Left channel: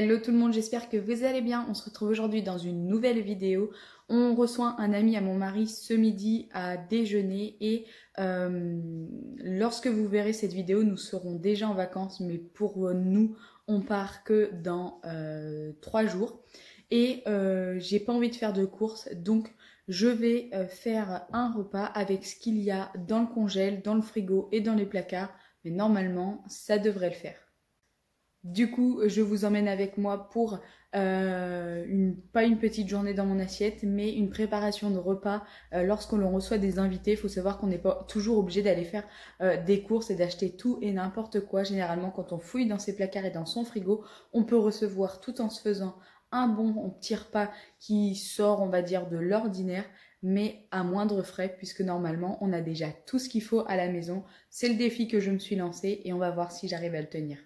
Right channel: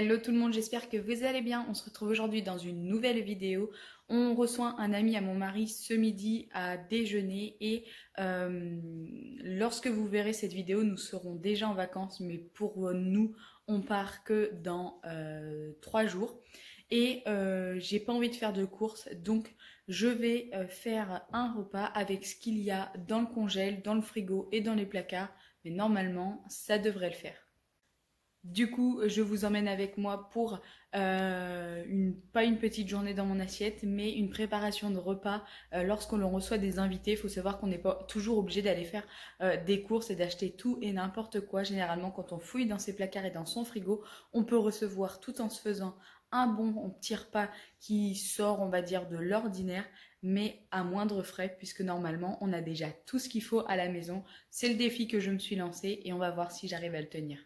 Hello tout le monde, j'espère que vous allez bien. On se retrouve aujourd'hui dans une nouvelle vidéo. On reçoit un ami à mon mari ce midi à déjeuner et lorsque vous verrez cette vidéo, nous serons déjà en vacances, mais pour nous, on part que dans 3 jours. Et j'ai pas envie de faire de courses, donc je vais faire un repas avec ce qu'il y a dans le congèle, dans le frigo et dans les placards. Mais normalement, ça devrait le faire. Du coup, je vous emmène avec moi pour pas une petite journée dans mon assiette, mais une préparation de repas lorsqu'on reçoit des invités. Il faut savoir qu'on n'est pas toujours obligé d'aller faire des courses et d'acheter tout et n'importe quoi. Généralement, quand on fouille dans ses placards et dans son frigo, on peut recevoir tout en se faisant un bon petit repas qui sort, on va dire, de l'ordinaire, mais à moindre frais, puisque normalement, on a déjà tout ce qu'il faut à la maison. C'est le défi que je me suis lancé et on va voir si j'arrive à le tenir.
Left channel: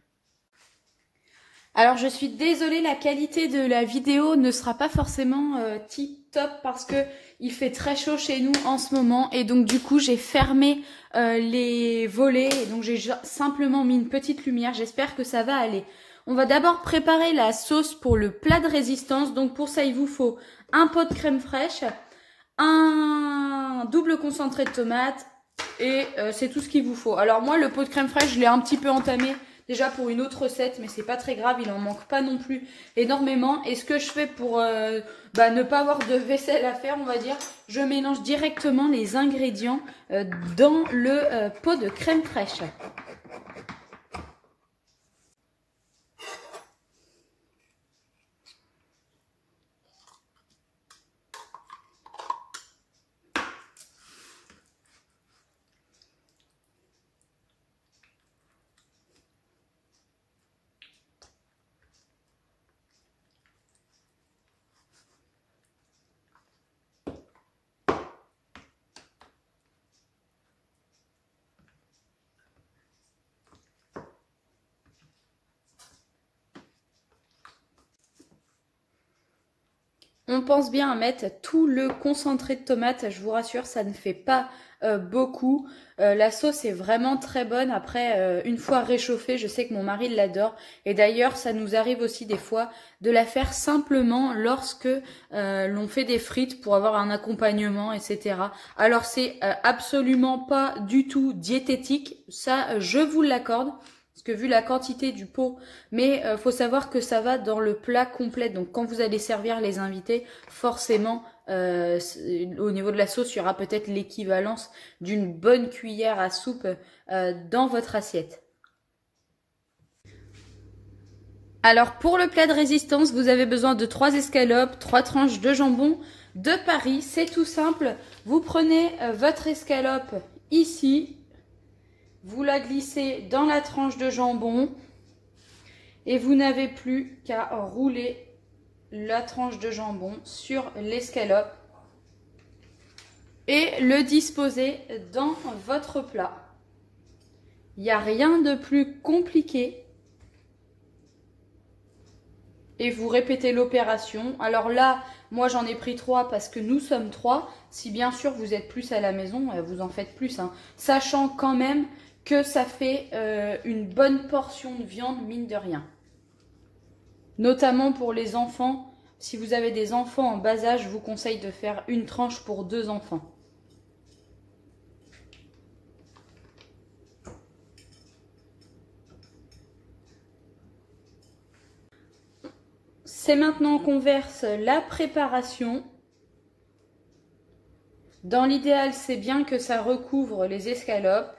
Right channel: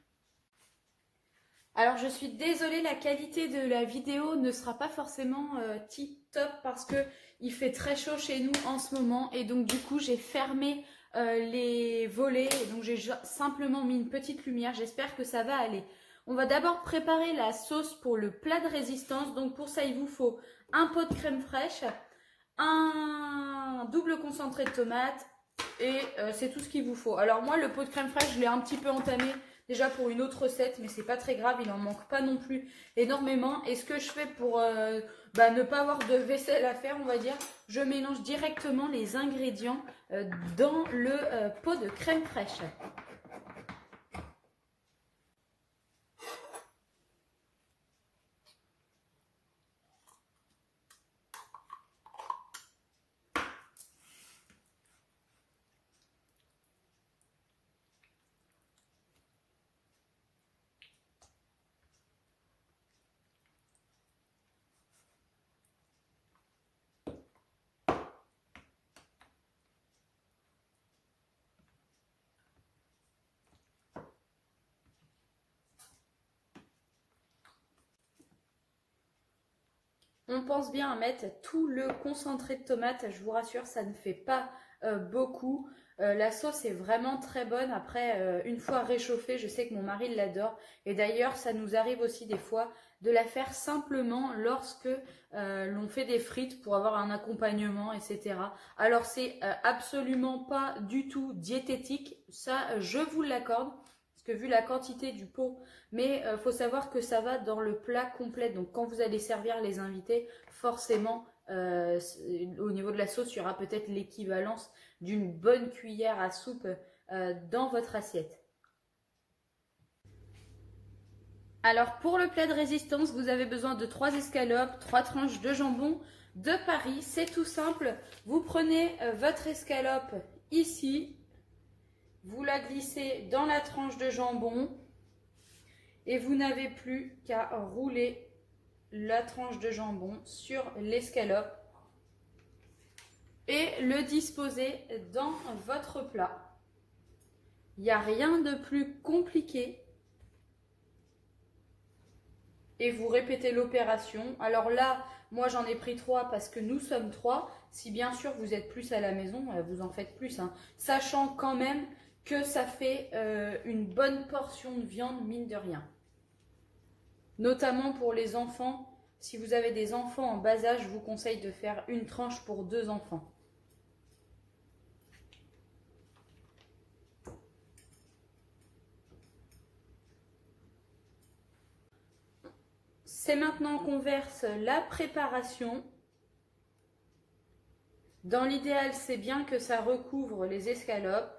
Alors je suis désolée, la qualité de la vidéo ne sera pas forcément tip top parce que il fait très chaud chez nous en ce moment et donc du coup j'ai fermé les volets et donc j'ai simplement mis une petite lumière. J'espère que ça va aller. On va d'abord préparer la sauce pour le plat de résistance. Donc pour ça il vous faut un pot de crème fraîche, un double concentré de tomate et c'est tout ce qu'il vous faut. Alors moi le pot de crème fraîche je l'ai un petit peu entamé déjà pour une autre recette, mais c'est pas très grave, il en manque pas non plus énormément. Et ce que je fais pour ne pas avoir de vaisselle à faire, on va dire, je mélange directement les ingrédients dans le pot de crème fraîche. On pense bien à mettre tout le concentré de tomate, je vous rassure, ça ne fait pas beaucoup. La sauce est vraiment très bonne. Après, une fois réchauffée, je sais que mon mari l'adore. Et d'ailleurs, ça nous arrive aussi des fois de la faire simplement lorsque l'on fait des frites pour avoir un accompagnement, etc. Alors, c'est absolument pas du tout diététique. Ça, je vous l'accorde. Parce que vu la quantité du pot, mais faut savoir que ça va dans le plat complet. Donc quand vous allez servir les invités, forcément, au niveau de la sauce, il y aura peut-être l'équivalence d'une bonne cuillère à soupe dans votre assiette. Alors pour le plat de résistance, vous avez besoin de 3 escalopes, 3 tranches de jambon de Paris. C'est tout simple. Vous prenez votre escalope ici. Vous la glissez dans la tranche de jambon et vous n'avez plus qu'à rouler la tranche de jambon sur l'escalope et le disposer dans votre plat. Il n'y a rien de plus compliqué et vous répétez l'opération. Alors là, moi j'en ai pris 3 parce que nous sommes 3. Si bien sûr vous êtes plus à la maison, vous en faites plus, hein. Sachant quand même que ça fait une bonne portion de viande, mine de rien. Notamment pour les enfants. Si vous avez des enfants en bas âge, je vous conseille de faire une tranche pour 2 enfants. C'est maintenant qu'on verse la préparation. Dans l'idéal, c'est bien que ça recouvre les escalopes.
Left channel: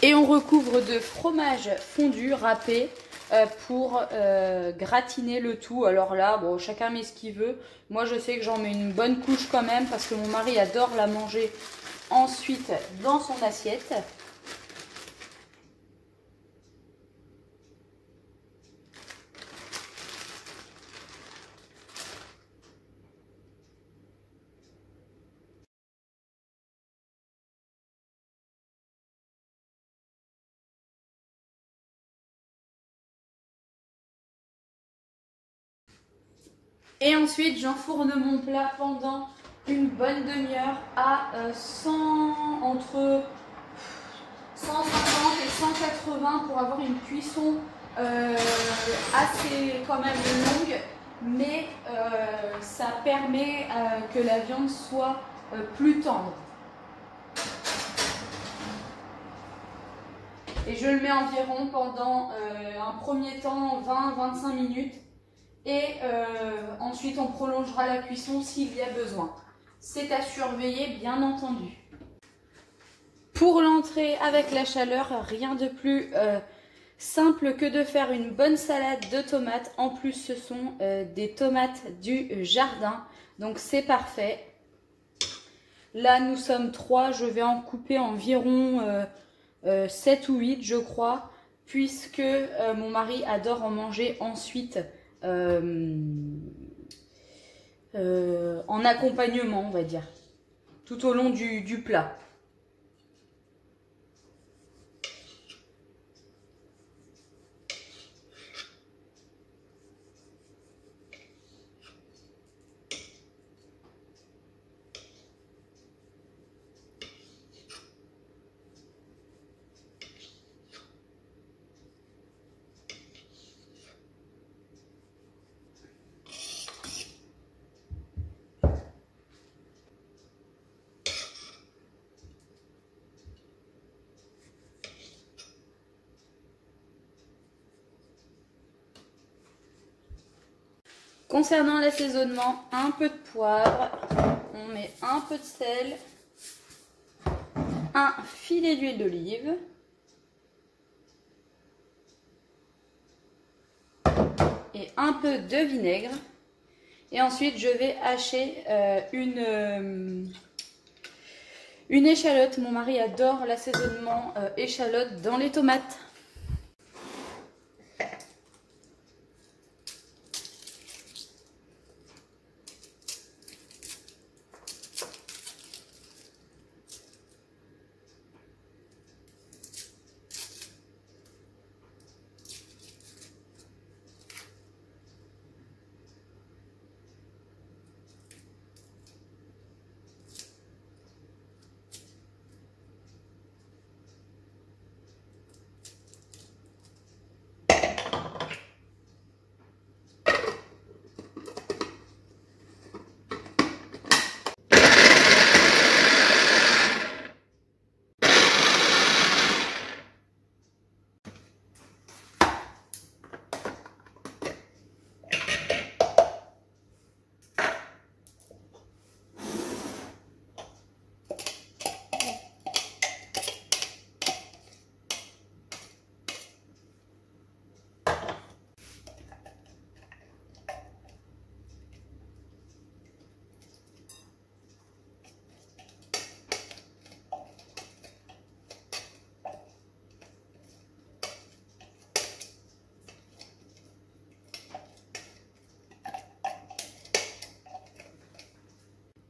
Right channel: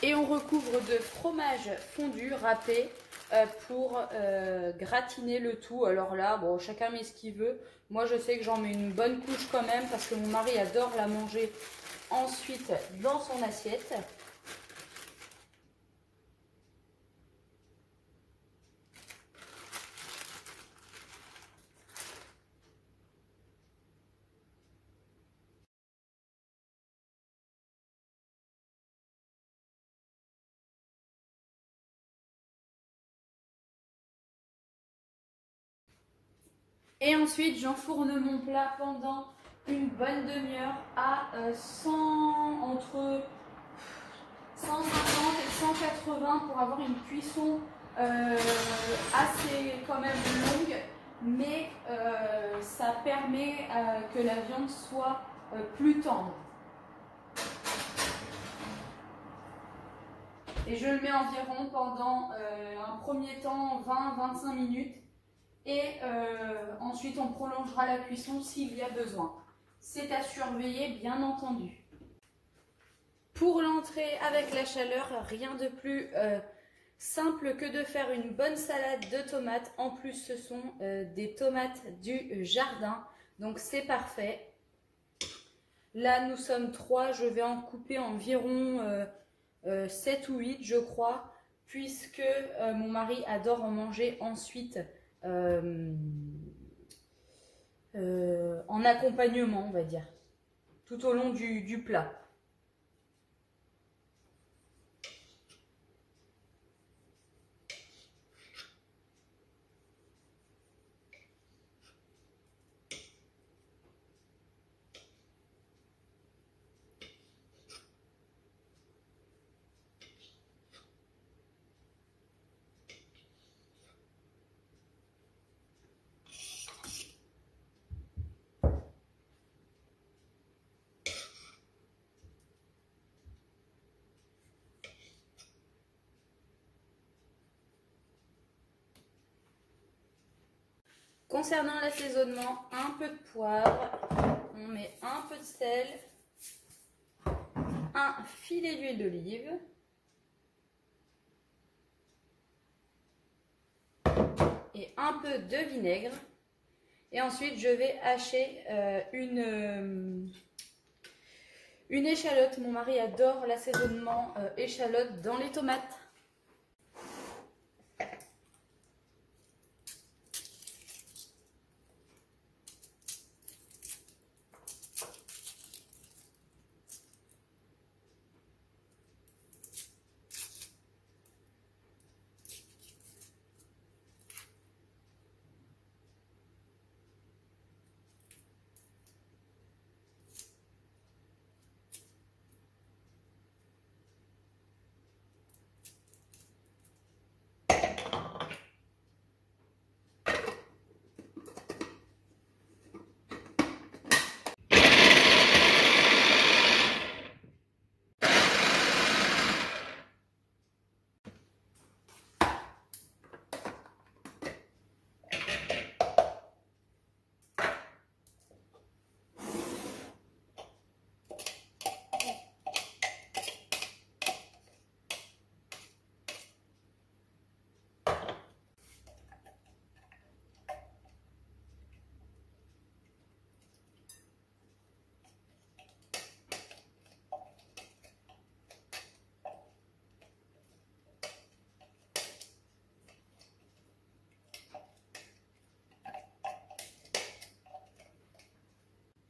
Et on recouvre de fromage fondu râpé pour gratiner le tout. Alors là, bon, chacun met ce qu'il veut. Moi, je sais que j'en mets une bonne couche quand même parce que mon mari adore la manger ensuite dans son assiette. Et ensuite, j'enfourne mon plat pendant une bonne demi-heure à entre 150 et 180 pour avoir une cuisson assez quand même longue, mais ça permet que la viande soit plus tendre. Et je le mets environ pendant un premier temps 20-25 minutes. Et ensuite, on prolongera la cuisson s'il y a besoin. C'est à surveiller, bien entendu. Pour l'entrée avec la chaleur, rien de plus simple que de faire une bonne salade de tomates. En plus, ce sont des tomates du jardin, donc c'est parfait. Là, nous sommes 3. Je vais en couper environ 7 ou 8, je crois, puisque mon mari adore en manger ensuite. En accompagnement, on va dire, tout au long du plat. Concernant l'assaisonnement, un peu de poivre, on met un peu de sel, un filet d'huile d'olive, et un peu de vinaigre. Et ensuite, je vais hacher une échalote. Mon mari adore l'assaisonnement échalote dans les tomates.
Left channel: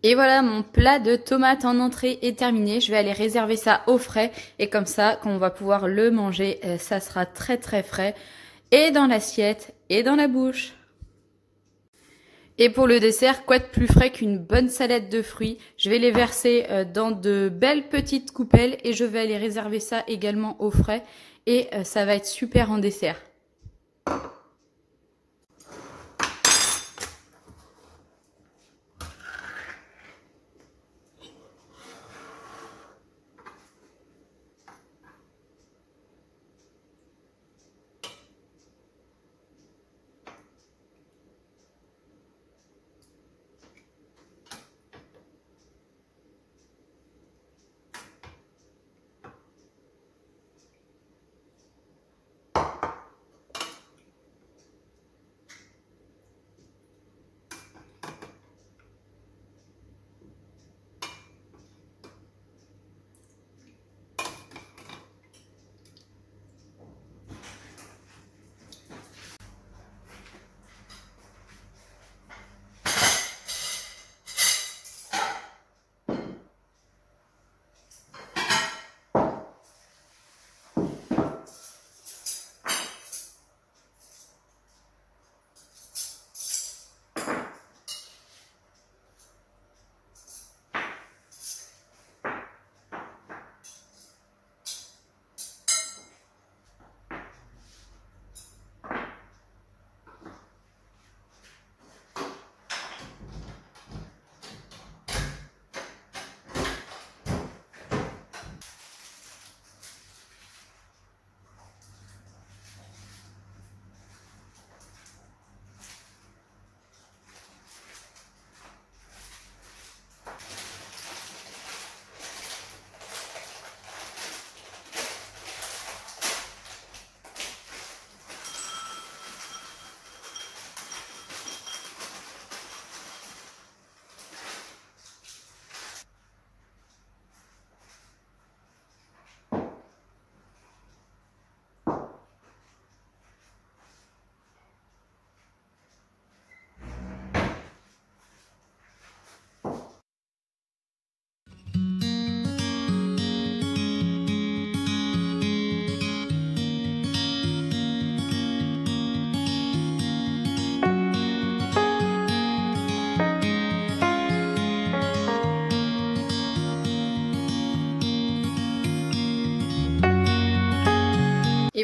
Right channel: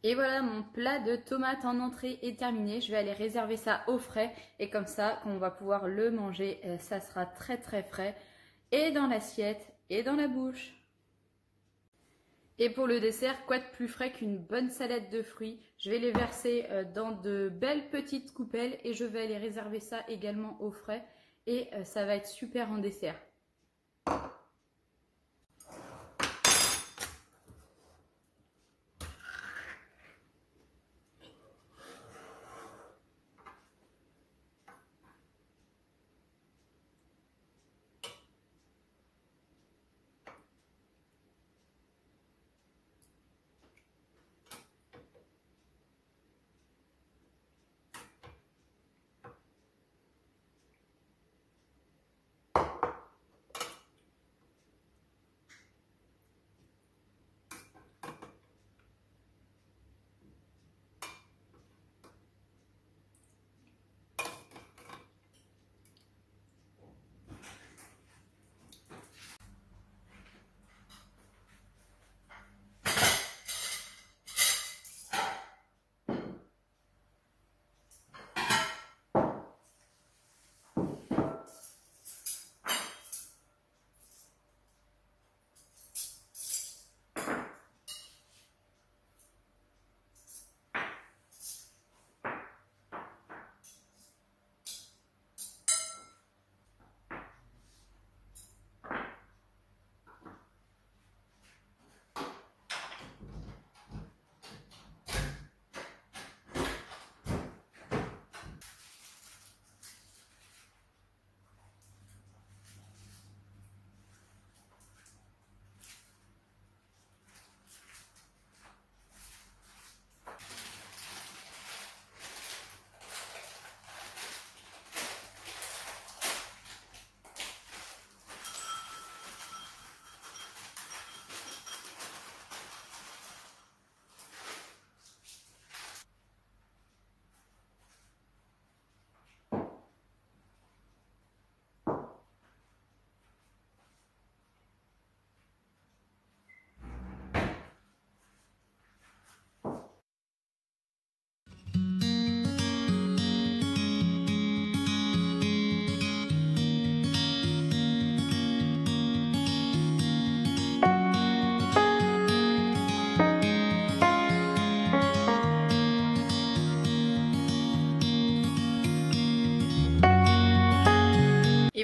Et voilà, mon plat de tomates en entrée est terminé. Je vais aller réserver ça au frais. Et comme ça, quand on va pouvoir le manger, ça sera très très frais. Et dans l'assiette, et dans la bouche. Et pour le dessert, quoi de plus frais qu'une bonne salade de fruits? Je vais les verser dans de belles petites coupelles. Et je vais aller réserver ça également au frais. Et ça va être super en dessert.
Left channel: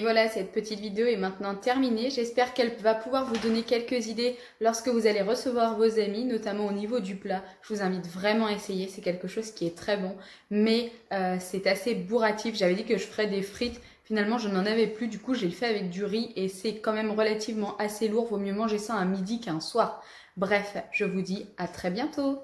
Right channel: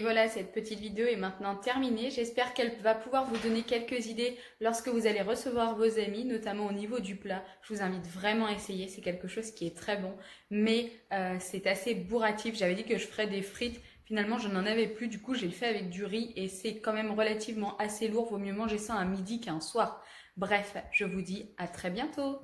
voilà, cette petite vidéo est maintenant terminée. J'espère qu'elle va pouvoir vous donner quelques idées lorsque vous allez recevoir vos amis, notamment au niveau du plat. Je vous invite vraiment à essayer, c'est quelque chose qui est très bon, mais c'est assez bourratif. J'avais dit que je ferais des frites, finalement je n'en avais plus, du coup je l'ai fait avec du riz et c'est quand même relativement assez lourd. Vaut mieux manger ça un midi qu'un soir. Bref, je vous dis à très bientôt.